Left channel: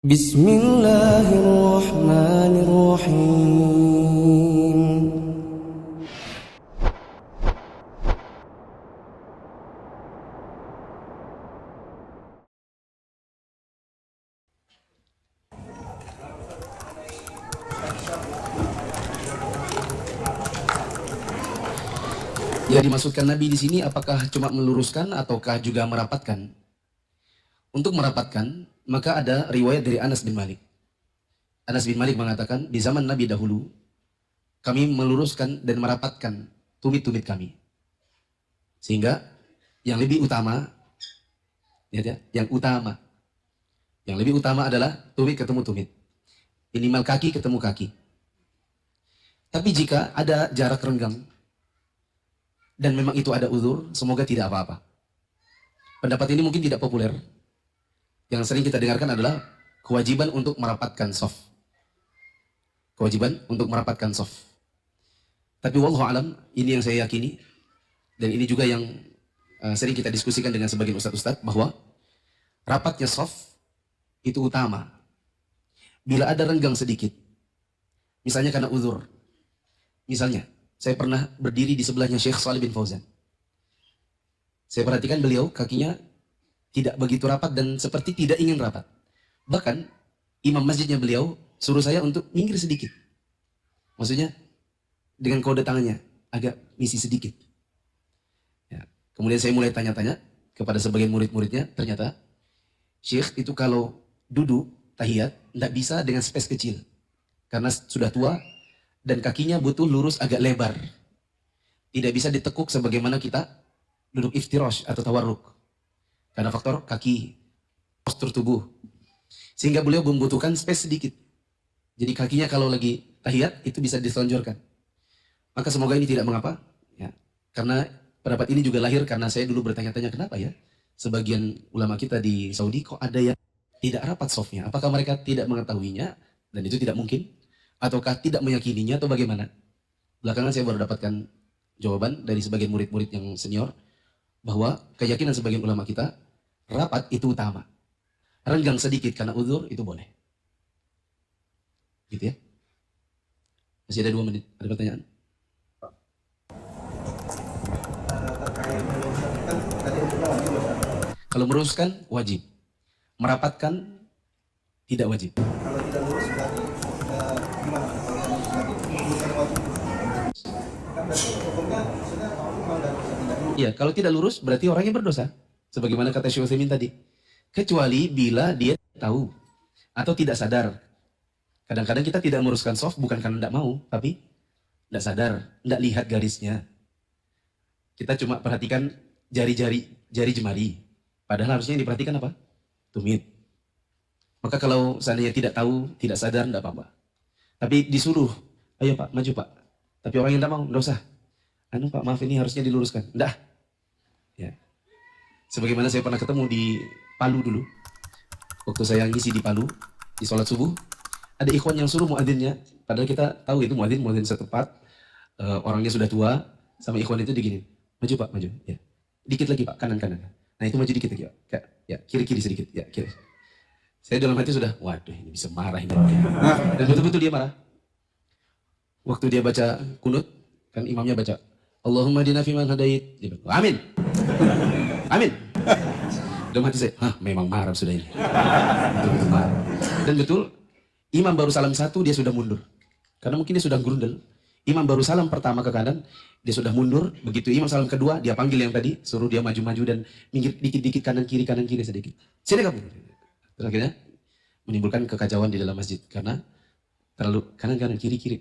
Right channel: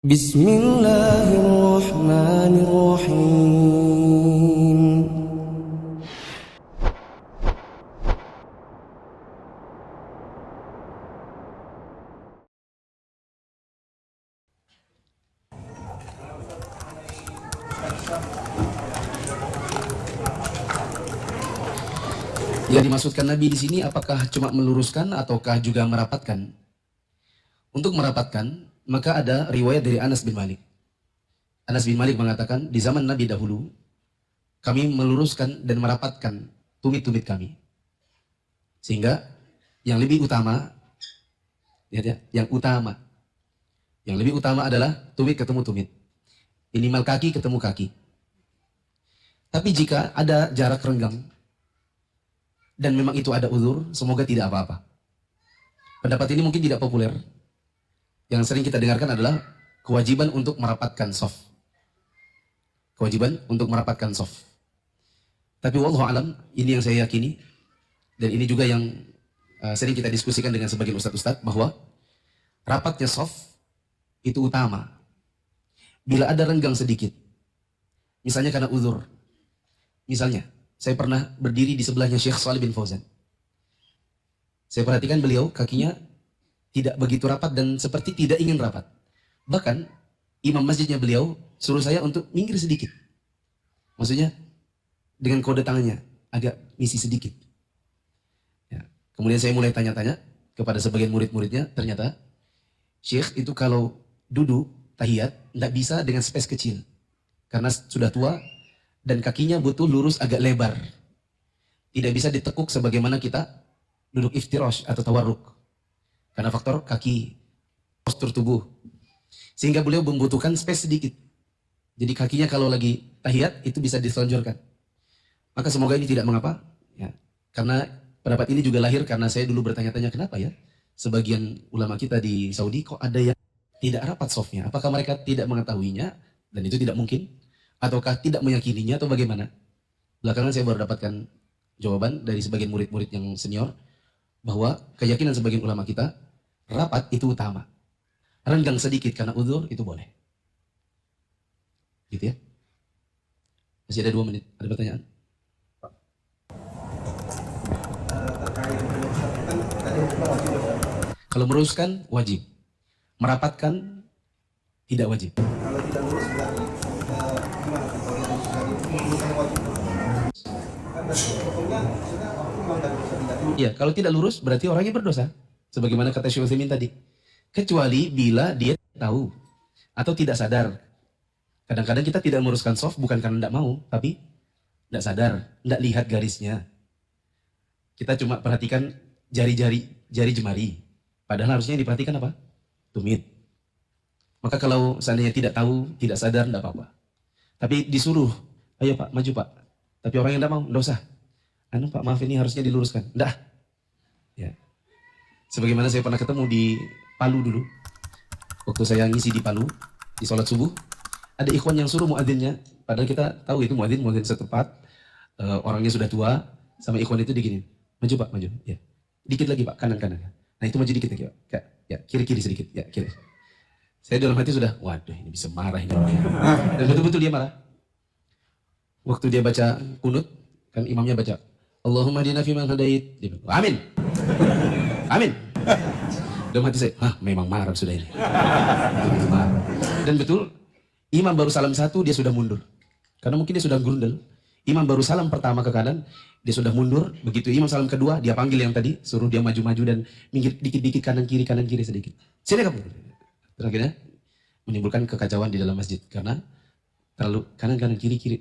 Bismillahirrahmanirrahim. Yang dimaksudkan Nabi di sini apakah cuma meluruskan ataukah juga merapatkan? Untuk merapatkan, maka ada riwayat dari Anas bin Malik. Anas bin Malik mengatakan, di zaman Nabi dahulu, kami meluruskan dan merapatkan tumit-tumit kami. Sehingga yang lebih utama, yang lebih utama adalah tumit ketemu tumit. Minimal kaki ketemu kaki. Tapi jika ada jarak renggang, dan memang itu ada uzur, semoga tidak apa-apa. Pendapat ini mungkin tidak populer. Yang sering kita dengarkan adalah kewajiban untuk merapatkan shaf. Kewajiban untuk merapatkan shaf. Tapi wallahu alam, ini yang saya yakini, dan ini juga yang sering kita diskusikan dengan sebagian ustadz-ustadz, bahwa rapatnya shaf itu utama. Bila ada renggang sedikit, misalnya karena uzur, misalnya, saya pernah berdiri di sebelahnya Syekh Shalih bin Fauzan. Saya perhatikan beliau kakinya tidak begitu rapat dan seperti tidak ingin rapat. Bahkan imam masjidnya beliau suruh saya untuk minggir sedikit. Maksudnya dengan kode tangannya agak misi sedikit. Ya. Kemudian saya mulai tanya-tanya kepada sebagian murid-muridnya. Ternyata Syekh itu kalau duduk tahiyat tidak bisa dengan space kecil. Karena sudah tua. Dan kakinya butuh lurus agak lebar. Tidak bisa ditekuk sebagaimana kita duduk iftirash atau tawarruk. Karena faktor kaki, postur tubuh. Sehingga beliau membutuhkan space sedikit. Jadi kakinya kalau lagi tahiyat itu bisa diselonjorkan. Maka semoga ini tidak mengapa. Ya. Karena pendapat ini juga lahir karena saya dulu bertanya-tanya kenapa ya. Sebagian ulama kita di Saudi kok ada yang tidak rapat shafnya. Apakah mereka tidak mengetahuinya? Dan itu tidak mungkin. Ataukah tidak meyakininya atau bagaimana? Belakangan saya baru dapatkan jawaban dari sebagian murid-murid yang senior bahwa keyakinan sebagian ulama kita rapat itu utama. Renggang sedikit karena uzur itu boleh. Gitu ya. Masih ada 2 menit. Ada pertanyaan? Kalau meluruskan wajib. Merapatkan tidak wajib. Ya, kalau tidak lurus berarti orangnya berdosa. Sebagaimana kata Syekh Utsaimin tadi. Kecuali bila dia tahu atau tidak sadar. Kadang-kadang kita tidak meluruskan shaf bukan karena tidak mau, tapi tidak sadar, tidak lihat garisnya. Kita cuma perhatikan jari jemari. Padahal harusnya diperhatikan apa? Tumit. Maka kalau seandainya tidak tahu, tidak sadar, tidak apa-apa. Tapi disuruh, ayo Pak, maju Pak. Tapi orang yang tidak mau, tidak usah. Pak, maaf ini harusnya diluruskan. Tidak. Ya. Sebagaimana saya pernah ketemu di Palu dulu. Waktu saya ngisi di Palu, di sholat subuh, ada ikhwan yang suruh muadzinnya. Padahal kita tahu itu muadzin setempat, orangnya sudah tua, sama ikhwan itu diginin. Maju Pak, maju. Ya. Dikit lagi Pak, kanan-kanan. Nah itu maju dikit lagi Pak. Ya, kiri-kiri sedikit. Ya, kiri. Saya dalam hati sudah, waduh ini bisa marah ini orangnya. Dan betul-betul dia marah. Waktu dia baca kunut, kan imamnya baca, Allahumma dina fiman hadait. Amin. Amin. Dalam hati saya, memang marah sudah ini. Dan betul, imam baru salam 1, dia sudah mundur. Karena mungkin dia sudah gerundel. Imam baru salam pertama ke kanan, dia sudah mundur. Begitu imam salam kedua, dia panggil yang tadi, suruh dia maju-maju dan minggir dikit-dikit kanan kiri sedikit. Sini kamu. Akhirnya menimbulkan kekacauan di dalam masjid. Karena terlalu kanan kiri, gitu.